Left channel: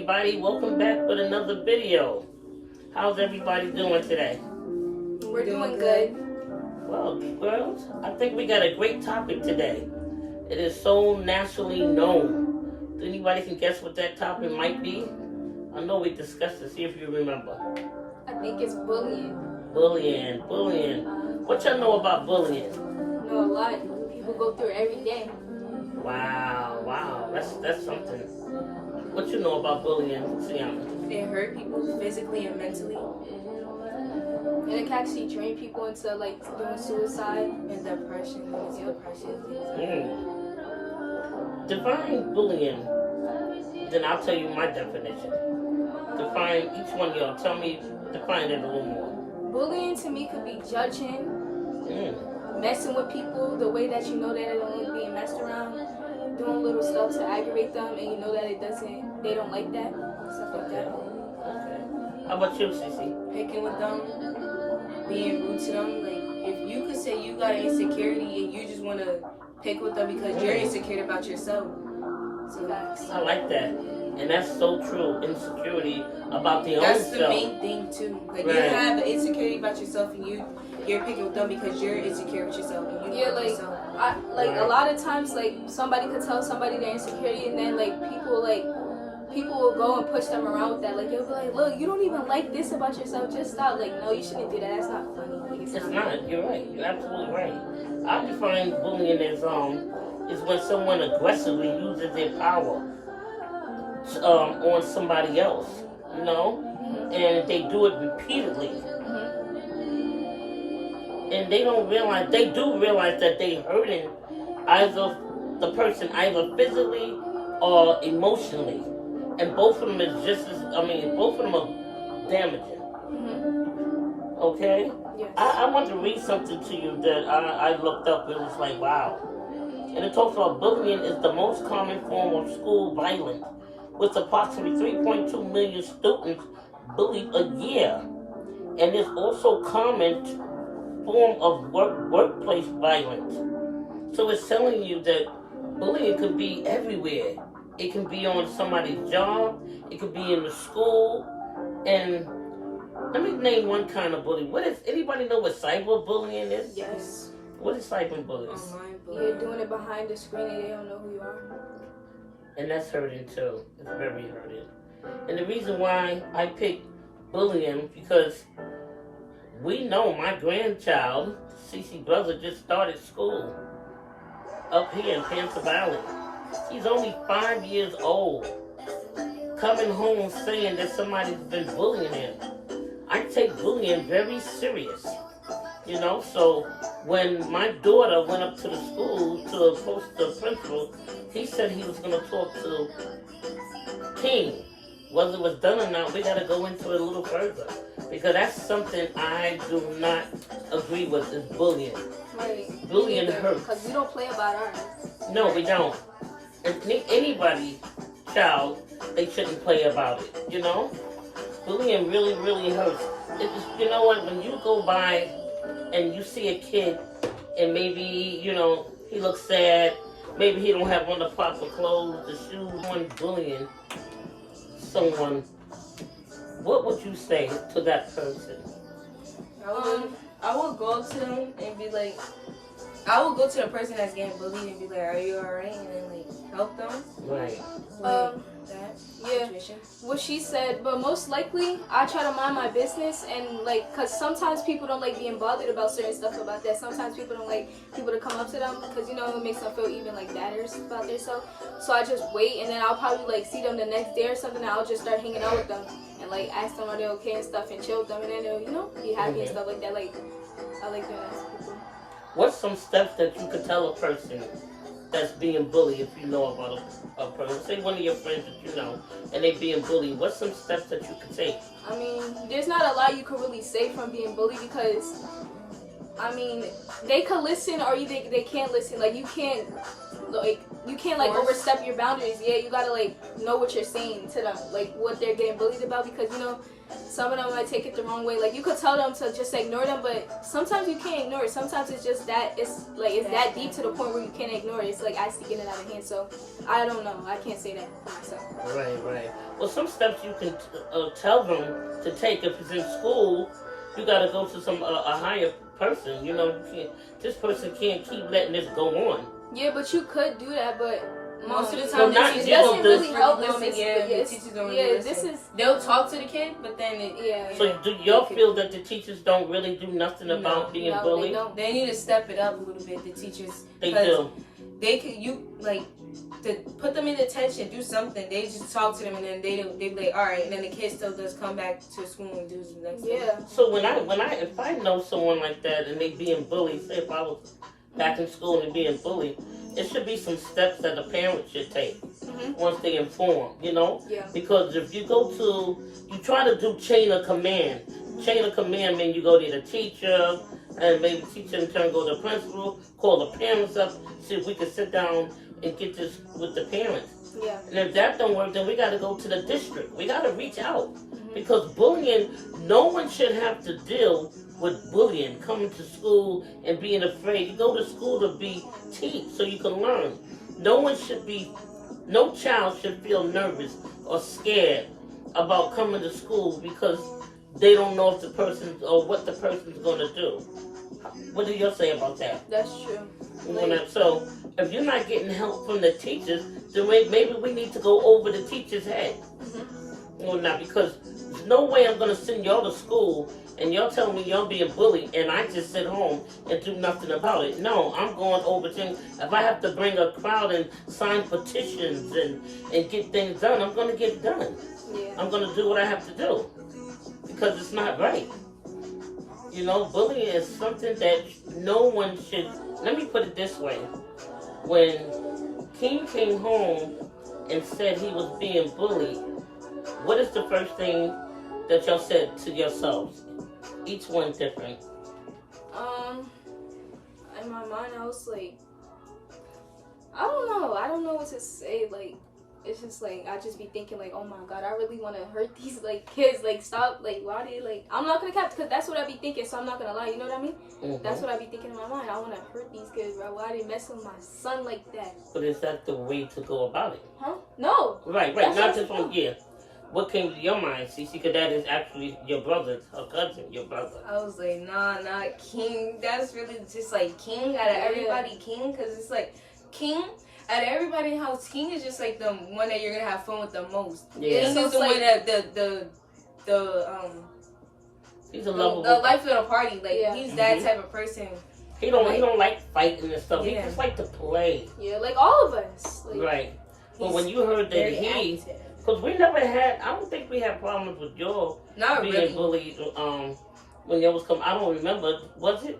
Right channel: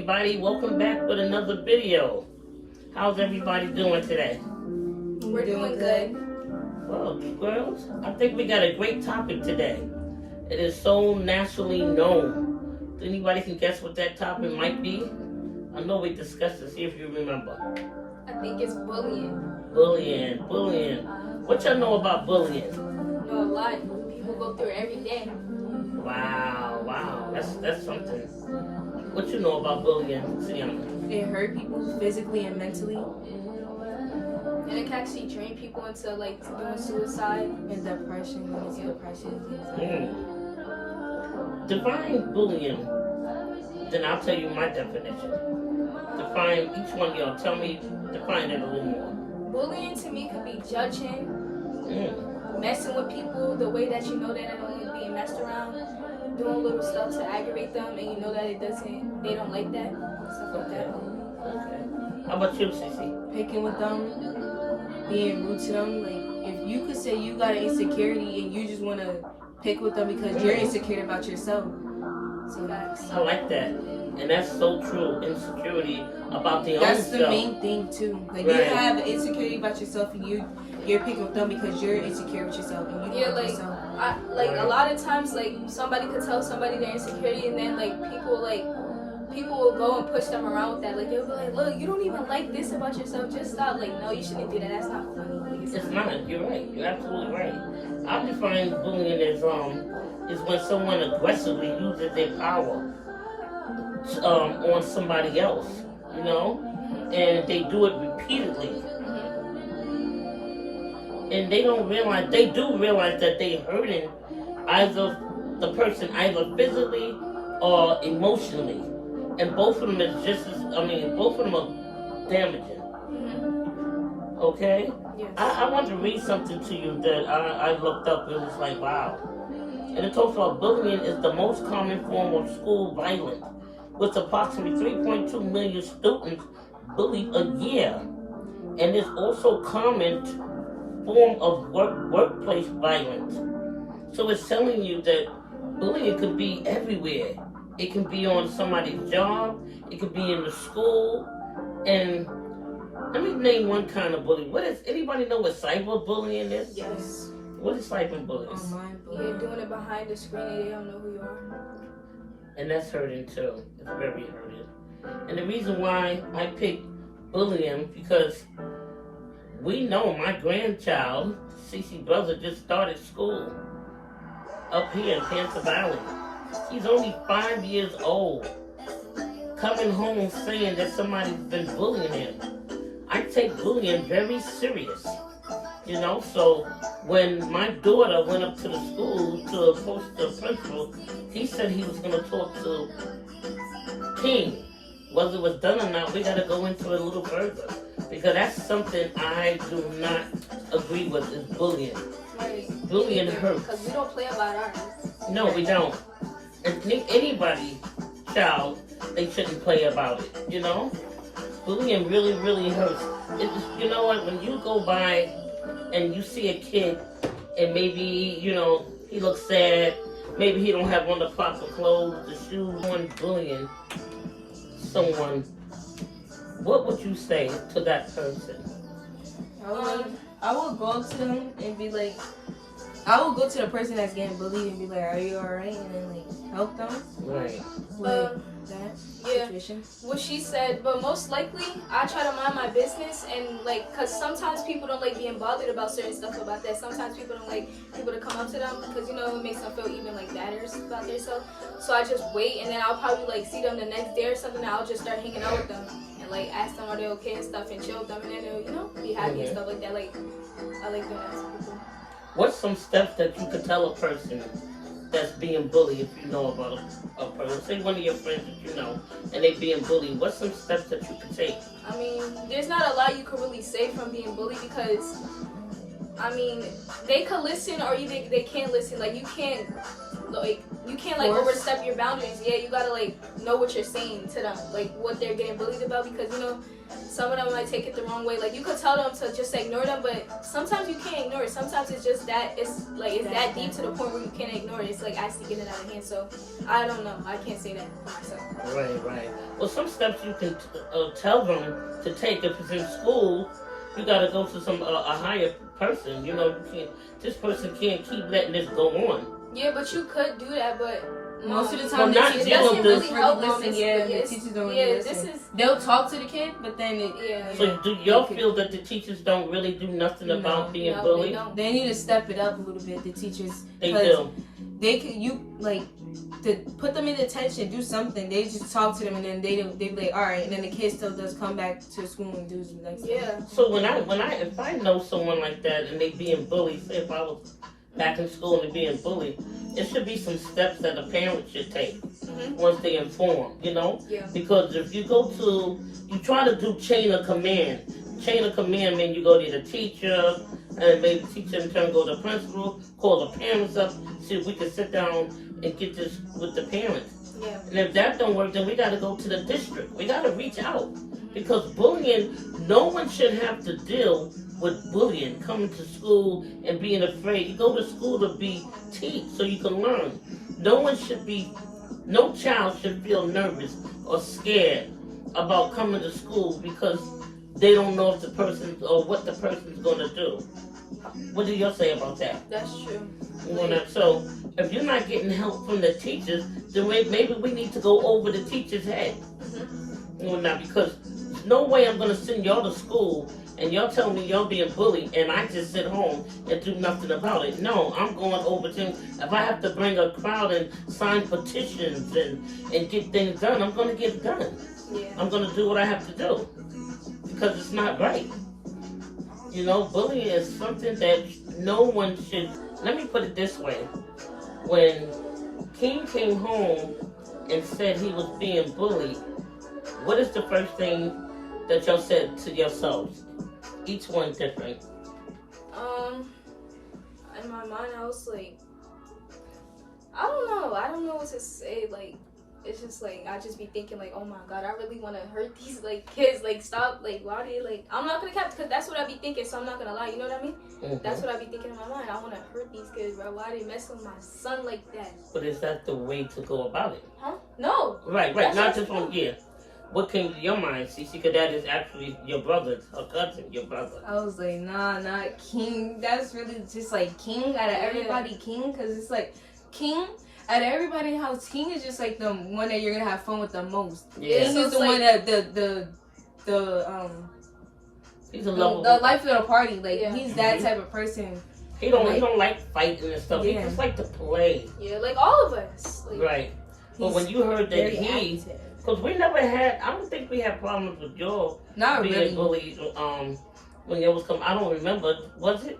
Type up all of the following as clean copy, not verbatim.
everybody, welcome back with another video. How's everybody doing today? We're doing good. Well, girls, I think we got a great topic today. It is so nationally known. Anybody can guess what that topic might be? I know we discussed it, see if you remember. I think it's bullying. Bullying. What y'all know about bullying? You know, a lot. People go through it every day. Wow, that's something. What you know about bullying, Sienna? It hurt people physically and mentally. And it can actually drain people into like doing suicide. And depression, when it's depression. Define bullying. Then I'll tell you my definition. Define each one of y'all. Define it a little more. Bullying to me could be judging, messing with people the way that you know that they're only being messed around, doing little stuff to aggravate them, and you know that they don't like that, stuff like that. Okay. How about you, Cece? Picking with them, being rude to them. Like, if you could say you got an insecurity and you just want to pick with them because you're insecure about yourself. So I like that. And that's so true. Insecurity about the own that's self. the main thing too. Like Right. you have an insecurity about yourself and you're picking with them because you're insecure with yourself and you love yourself. A lot of times like somebody could tell somebody their insecurity and then people will go and push them around with that. Like you'll be like, look, you don't even like this about yourself. Just stop. Like, no, you shouldn't do that. That's not funny. Like, It's not. You're right. You're absolutely right. I define bullying as is when someone aggressively uses their power on somebody else, you know, and they do it repeatedly, and they do realize that they're hurting either the person either physically or emotionally, and both of them is both of them are damaging. Okay, yes. I want to read something to you that I looked up. It was like, wow. And it talks about bullying is the most common form of school violence, with approximately 3.2 million students bullied a year. And it's also a common form of workplace violence. So it's telling you that bullying could be everywhere. It can be on somebody's job, it could be in the school. And let me name one kind of bullying. Anybody know what cyberbullying is? Yes. What is cyberbullying? Online You're doing it behind the screen and they don't know who you are. And that's hurting too. It's very hurting. And the reason why I picked bullying because we know my grandchild, Cece's brother, just started school up here in Panther Valley. He's only 5 years old. Coming home saying that somebody's been bullying him. I take bullying very serious. You know, so when my daughter went up to the school to approach the principal, he said he was going to talk to King. Whether it was done or not, we got to go into it a little further. Because that's something I do not agree with, is bullying. Right. Bullying hurts. Because we don't play about ours. No, we don't. And anybody, child, they shouldn't play about it, you know? Bullying really, really hurts. You know what, when you go by and you see a kid and maybe, you know, he looks sad, maybe he don't have on the proper clothes, the shoes, someone bullying someone, what would you say to that person? I would go up to them and be like, I would go to the person that's getting bullied and be like, are you alright? And then like help them. Right. That situation. What she said, but most likely I try to mind my business and like, cause sometimes people don't like being bothered about certain stuff about that. Sometimes people don't like people to come up to them because you know it makes them feel even like badder about themselves. So I just wait and then I'll probably like see them the next day or something. And I'll just start hanging out with them and like ask them are they okay and stuff and chill with them and then they'll be happy and stuff like that. Like I like doing that to people. What's some steps that you could tell a person that's being bullied if you know about a person? Say one of your friends that you know and they being bullied. What's some steps that you could take? I mean, there's not a lot you can really say from being bullied because I mean, they could listen or they can't listen. Like you can't like Force. overstep your boundaries. Yeah, you gotta like know what you're saying to them, like what they're getting bullied about, because you know some of them might take it the wrong way. Like you could tell them to just ignore them, but sometimes you can't ignore it. Sometimes it's just that it's that deep to the point where you can't ignore it. It's like actually getting out of hand. So I don't know. I can't say that for myself. Right. Well, some steps you can tell them to take. If it's in school, you got to go to some a higher person. You know, you can't. This person can't keep letting this go on. Yeah, but you could do that, but Most of the Well, time, not the teachers deal don't with really this. listen. Yeah, the teachers don't really listen. They'll talk to the kid, but then So do y'all feel that the teachers don't really do nothing about being no, bullied? They don't. they need to step it up a little bit. The teachers, They 'cause do. They could to put them in attention, do something. They just talk to them, and then they be like, all right, and then the kid still does come back to school and do the next. Yeah. So if I know someone like that and they being bullied, say if I was back in school and being bullied, it should be some steps that the parents should take once they inform, you know? Yeah. Because if you you try to do chain of command. Chain of command means you go to the teacher, and maybe the teacher in turn go to the principal, call the parents up, see if we can sit down and get this with the parents. Yeah. And if that don't work, then we got to go to the district. We got to reach out. Because bullying, no one should have to deal with bullying, coming to school and being afraid. You go to school to teach so you can learn. No child should feel nervous or scared about coming to school because they don't know if the person or what the person's going to do. What do you say about that? That's true. So if you're not getting help from the teachers, then maybe we need to go over the teacher's head. Now, because there's no way I'm going to send y'all to school and y'all tell me y'all being bullied and I just sit home and do nothing about it. No, I'm going over things. If I have to bring a crowd and sign petitions and get things done, I'm going to get it done. Yeah. I'm going to do what I have to do because it's not right. You know, bullying is something that no one should. Let me put it this way. When King came home and said he was being bullied, what is the first thing that y'all said to yourselves? Each one different. In my mind, I was like, I don't know what to say. Like, it's just like I just be thinking like, oh my god, I really want to hurt these like kids. Like, stop. Like, why do you like? I'm not gonna cap because that's what I be thinking. So I'm not gonna lie. You know what I mean? Mm-hmm. That's what I be thinking in my mind. I want to hurt these kids, bro. Why they messing with my son like that? But is that the way to go about it? Huh? No. Right. That's Not what just one. Yeah. What came to your mind, Cece? Because that is actually your brother's, her cousin, your brother. I was like, nah, not King. That's really just like King out of everybody, King, because it's like King. Out of everybody in the house, King is just like the one that you're gonna have fun with the most. Yeah. King is the one that He's a lovable. the life of the party. Like he's that Mhm. type of person. He don't like fighting and stuff. He Yeah. just like to play. Yeah, like all of us. Like, Right. But when you heard that Very active. because we never had, I don't think we had problems with y'all Not being really. bullied. When y'all was coming, I don't remember. Was it?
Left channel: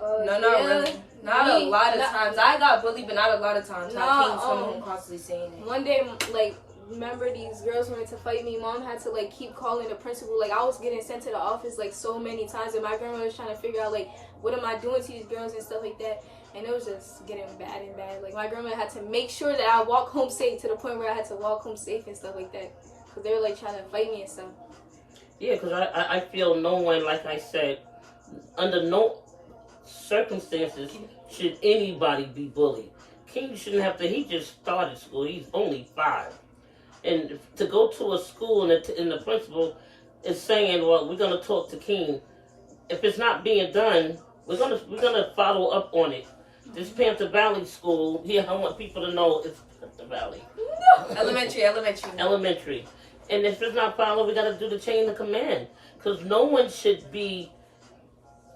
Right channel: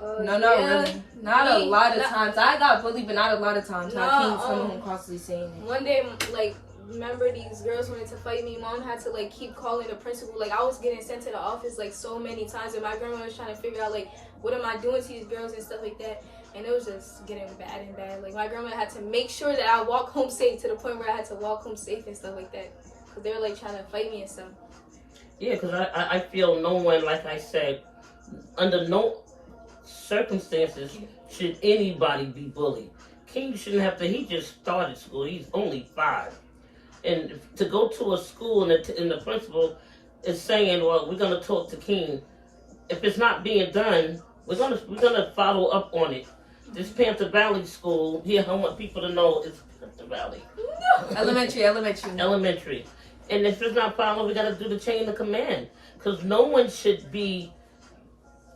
No, not really. Not a lot of times. I got bullied, but not a lot of times. No, I King's coming home constantly saying it. One day, like, remember these girls wanted to fight me. Mom had to like keep calling the principal. Like, I was getting sent to the office like so many times, and my grandma was trying to figure out like what am I doing to these girls and stuff like that. And it was just getting bad and bad. Like, my grandma had to make sure that I walk home safe to the point where I had to walk home safe and stuff like that. Because they were like trying to fight me and stuff. Yeah, because I feel no one, like I said, under no circumstances should anybody be bullied. King shouldn't have to. He just started school. He's only 5, and to go to a school and the principal is saying, "Well, we're gonna talk to King. If it's not being done, we're gonna follow up on it." This Panther Valley school. Here, I want people to know it's Panther Valley. Elementary. And if it's not followed, we gotta do the chain of command. Because no one should be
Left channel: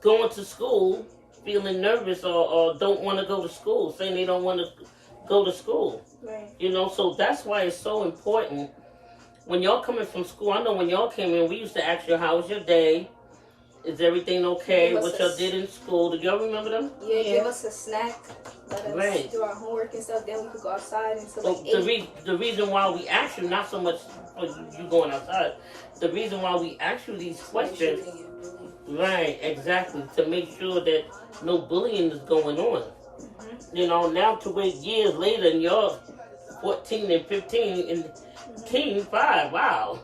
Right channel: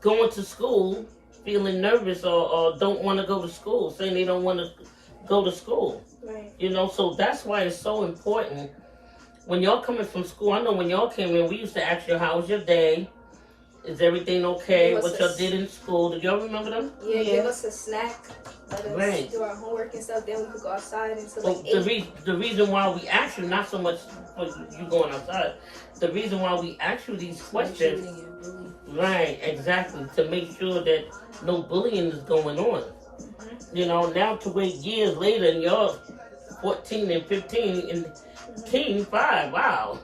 going to school feeling nervous or don't want to go to school, saying they don't want to go to school. Right. You know, so that's why it's so important. When y'all coming from school, I know when y'all came in, we used to ask you, how was your day? Is everything okay? Give us What a y'all did in school? Do y'all remember them? Yeah, give us a snack. Let us Right. do our homework and stuff. Then we could go outside until Well, like the reason why we ask you, not so much for you going outside, the reason why we ask you these questions, right, exactly, to make sure that no bullying is going on. You know, now to wait years later and you're 14 and 15 and King 5, wow.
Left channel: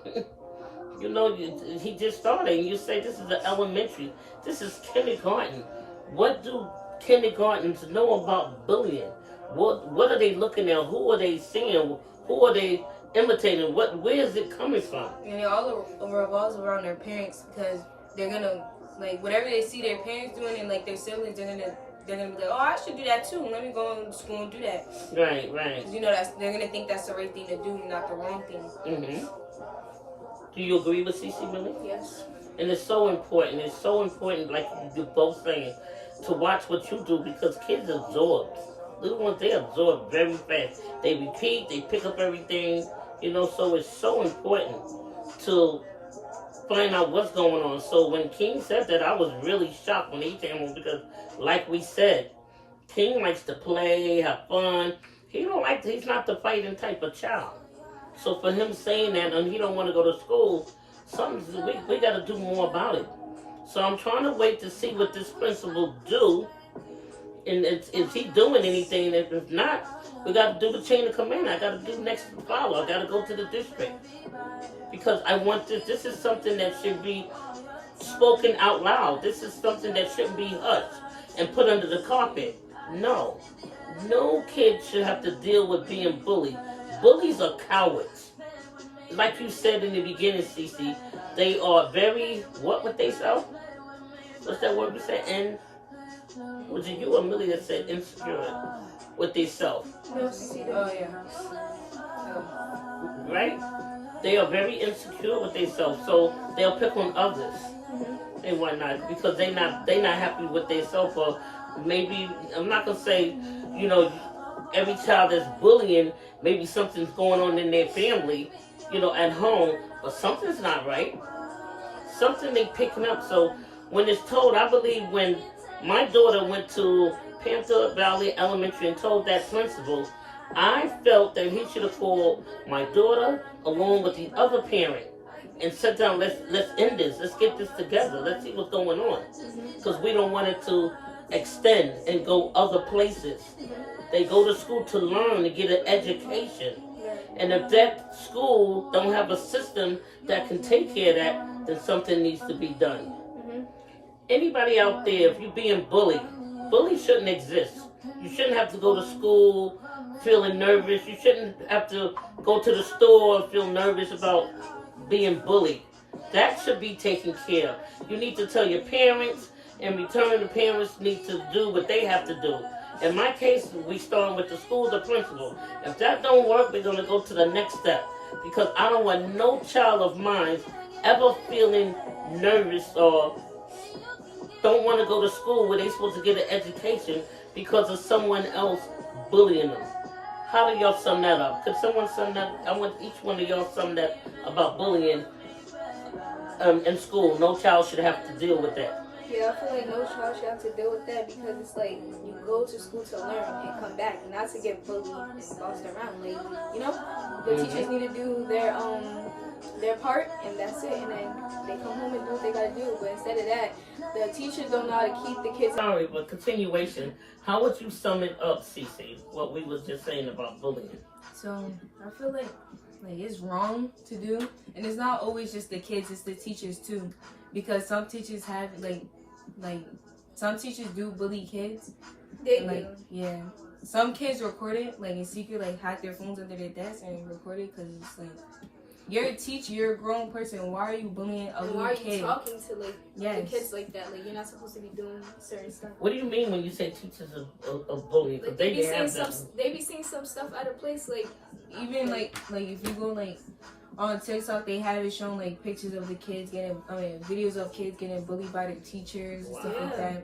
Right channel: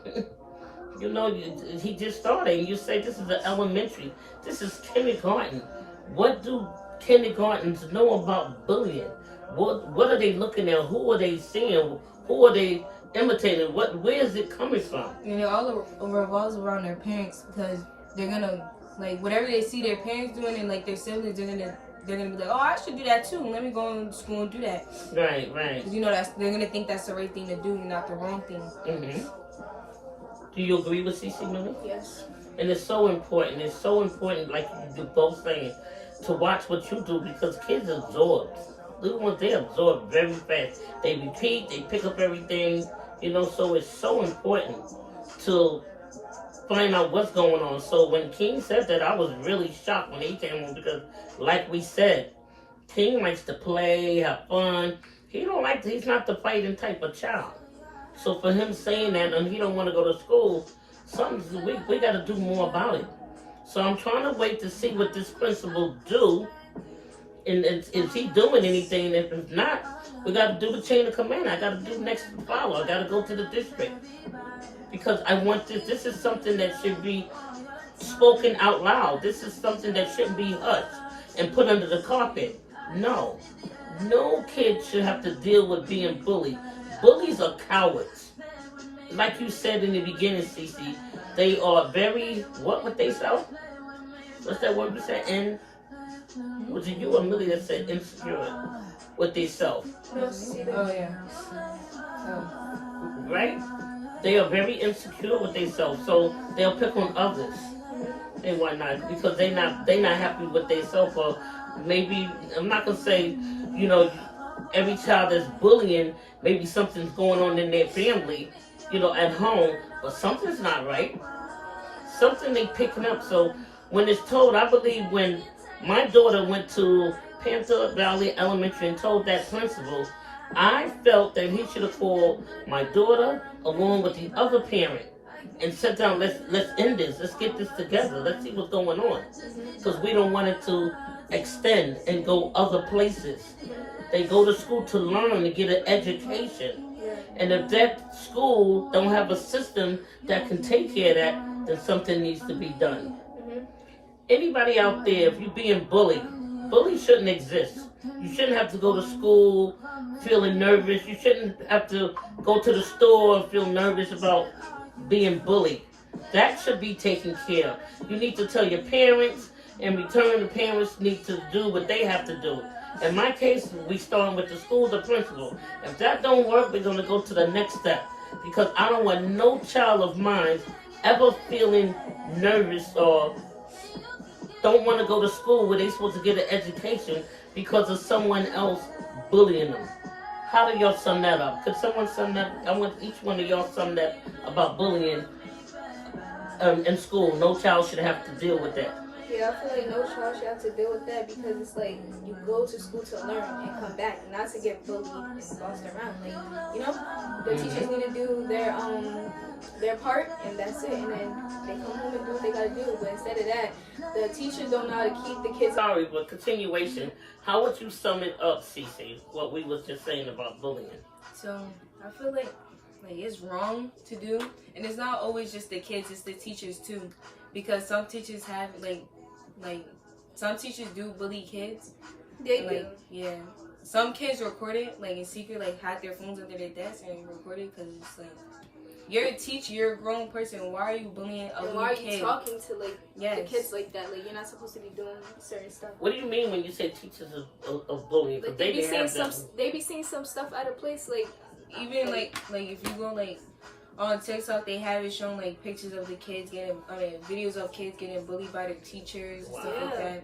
You know, he just started and you say this is the elementary, this is kindergarten. What do kindergartens know about bullying? What are they looking at? Who are they seeing? Who are they imitating? Where is it coming from? And it all revolves around their parents because they're gonna like whatever they see their parents doing and like their siblings, they're gonna be like, oh, I should do that too. Let me go to school and do that. Right, right. 'Cause you know they're gonna think that's the right thing to do, not the wrong thing. Mm-hmm. Do you agree with CC Millie? yes. And it's so important. It's so important, like you both saying, to watch what you do because kids absorb. Little ones, they absorb very fast. They repeat, they pick up everything, you know, so it's so important to find out what's going on. So when King said that, I was really shocked when he came on because, like we said, King likes to play, have fun. He's not the fighting type of child. So for him saying that and he don't want to go to school, we got to do more about it. So I'm trying to wait to see what this principal do. And is he doing anything? And if not, we got to do the chain of command. I got to do next follow. I got to go to the district. Because I want this. This is something that should be spoken out loud. This is something that shouldn't be hushed and put under the carpet. No. No kid should have to deal with being bullied. Bullies are cowards. Like you said in the beginning, Cece, they are very, what would they say? What's that word you said? Was it you or Millie that said insecure with they self? Oh yeah. Right? They are very insecure with themselves, so they'll pick on others and whatnot because they not happy with themselves. Or maybe I'm not gonna say, you know, every child that's bullying, maybe something's going on in their family, you know, at home, but something's not right. Something they picking up. So when it's told, I believe when my daughter went to Panther Valley Elementary and told that principal, I felt that he should have called my daughter along with the other parent and sat down, let's end this, let's get this together, let's see what's going on. Because we don't want it to extend and go other places. They go to school to learn, to get an education. And if that school don't have a system that can take care of that, then something needs to be done. Anybody out there, if you're being bullied, bullies shouldn't exist. You shouldn't have to go to school feeling nervous. You shouldn't have to go to the store and feel nervous about being bullied. That should be taken care of. You need to tell your parents. In return, the parents need to do what they have to do. In my case, we start with the school, the principal. If that don't work, we're going to go to the next step. Because I don't want no child of mine ever feeling nervous or don't want to go to school where they're supposed to get an education because of someone else bullying them. How do y'all sum that up? Could someone sum that? I want each one of y'all sum that about bullying in school. No child should have to deal with that. Yeah, I feel like no child should have to deal with that because it's like you go to school to learn and come back, not to get bullied and bossed around. Like, you know, the teachers need to do their part and that's it. And then they come home and do what they gotta do. But instead of that, the teachers don't know how to keep the kids. Sorry, but continuation. How would you sum it up, Cece? What we was just saying about bullying. So I feel like it's wrong to do, and it's not always just the kids; it's the teachers too, because some teachers have like some teachers do bully kids. They and, do. Yeah, some kids record it like in secret, like hack their phones under their desk and record it because it's like you're a teacher, you're a grown person. Why are you bullying a little kid? Why are you talking to Yes. the kids like that? Like you're not supposed to be doing certain stuff. What do you mean when you say teachers of bullying? Because Like, they be didn't saying have some, this. they be saying some stuff out of place, like Even like if you go like on TikTok, they have it showing like pictures of the kids videos of kids getting bullied by their teachers and stuff like that. and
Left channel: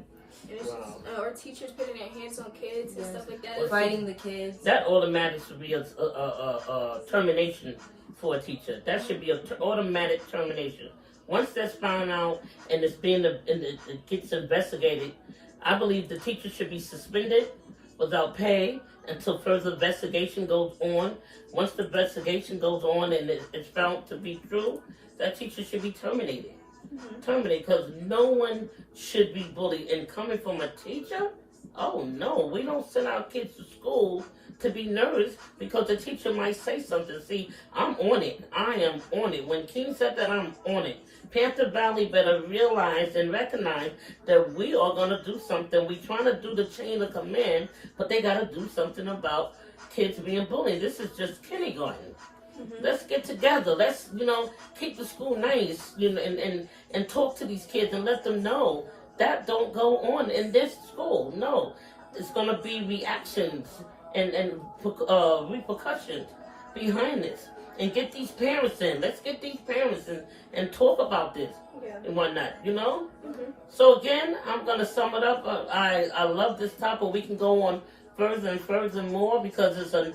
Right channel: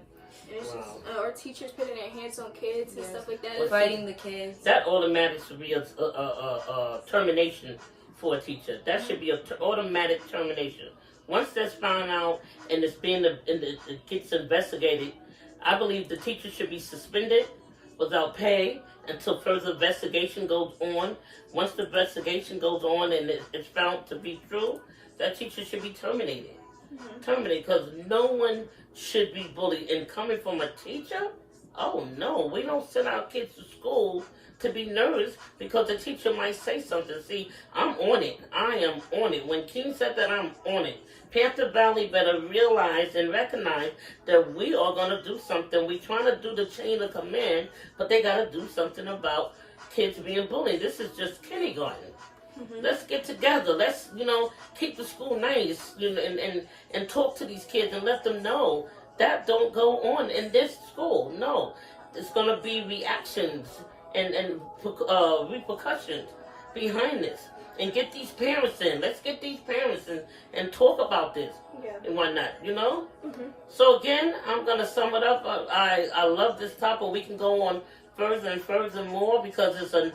it's just, or teachers putting their hands on kids and stuff like that. Well, Fighting the kids. That automatic should be a termination for a teacher. That should be an automatic termination. Once that's found out and it gets investigated, I believe the teacher should be suspended without pay until further investigation goes on. Once the investigation goes on and it's found to be true, that teacher should be terminated. Terminated, because no one should be bullied. And coming from a teacher, oh no, we don't send our kids to school to be nervous because the teacher might say something. See, I'm on it. I am on it. When King said that, I'm on it. Panther Valley better realize and recognize that we are going to do something. We're trying to do the chain of command, but they got to do something about kids being bullied. This is just kindergarten. Let's get together. Let's, keep the school nice, and talk to these kids and let them know that don't go on in this school. No, it's going to be reactions and repercussions behind this. And get these parents in. Let's get these parents in and talk about this and whatnot, So again, I'm going to sum it up. I love this topic. We can go on further and further more because it's a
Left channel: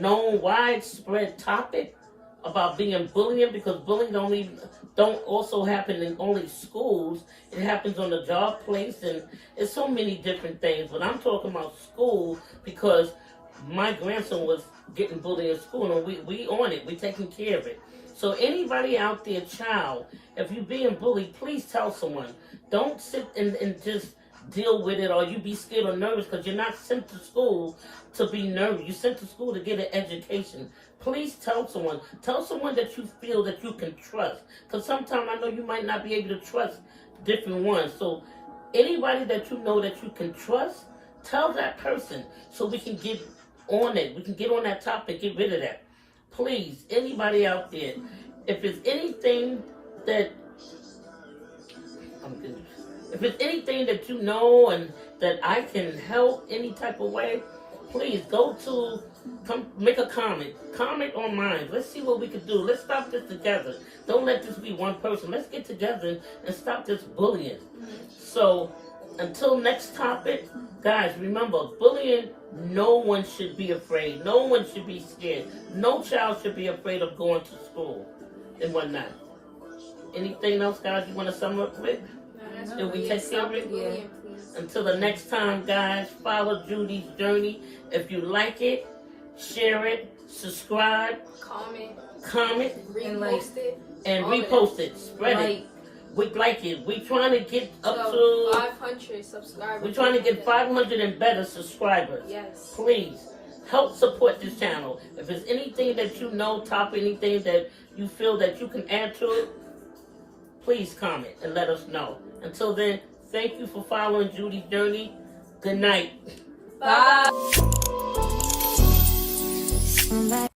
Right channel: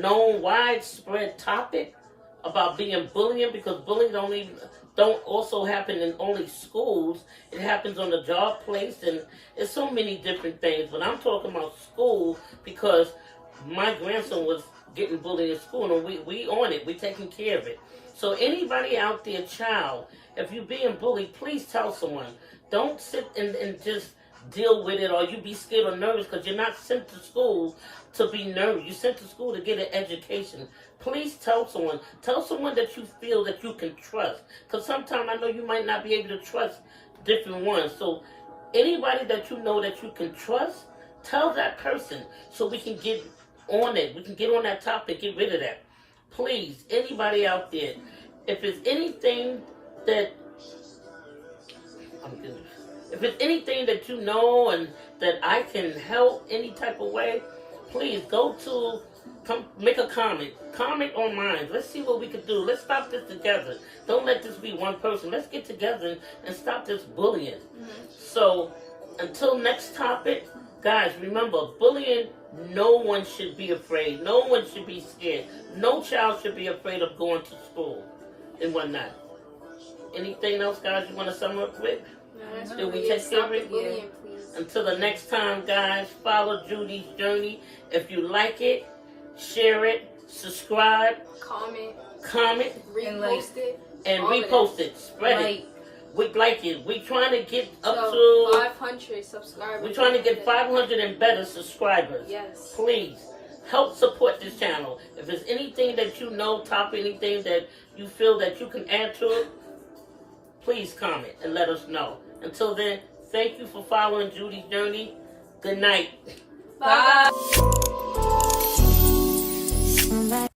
known widespread topic about being bullying, because bullying don't also happen in only schools. It happens on the job place, and it's so many different things. But I'm talking about school because my grandson was getting bullied in school, and we on it. We taking care of it. So anybody out there, child, if you're being bullied, please tell someone. Don't sit and just deal with it, or you be scared or nervous, because you're not sent to school to be nervous. You're sent to school to get an education. Please tell someone. Tell someone that you feel that you can trust, because sometimes I know you might not be able to trust different ones. So anybody that you know that you can trust, tell that person so we can get on it. We can get on that topic, get rid of that. Please, anybody out there, if there's anything that you know and that I can help any type of way, please come make a comment. Comment on mine. Let's see what we can do. Let's stop this together. Don't let this be one person. Let's get together and stop this bullying. So until next topic, guys, remember, bullying, no one should be afraid. No one should be scared. No child should be afraid of going to school and whatnot. Anything else, guys, you want to sum up with? Did we take care of it? Bullying, Until the next time, guys, follow Judy's journey. If you like it, share it, subscribe, comment, repost it, and repost it. Spread it. We like it. We're trying to get up to 500 subscribers. We're trying to get 500 and better subscribers. Yes. Please help support this channel. If there's anything that you know, anything that you feel that you can add to it, please comment and let us know. Until then, thank you for following Judy's journey. Good night. Bye.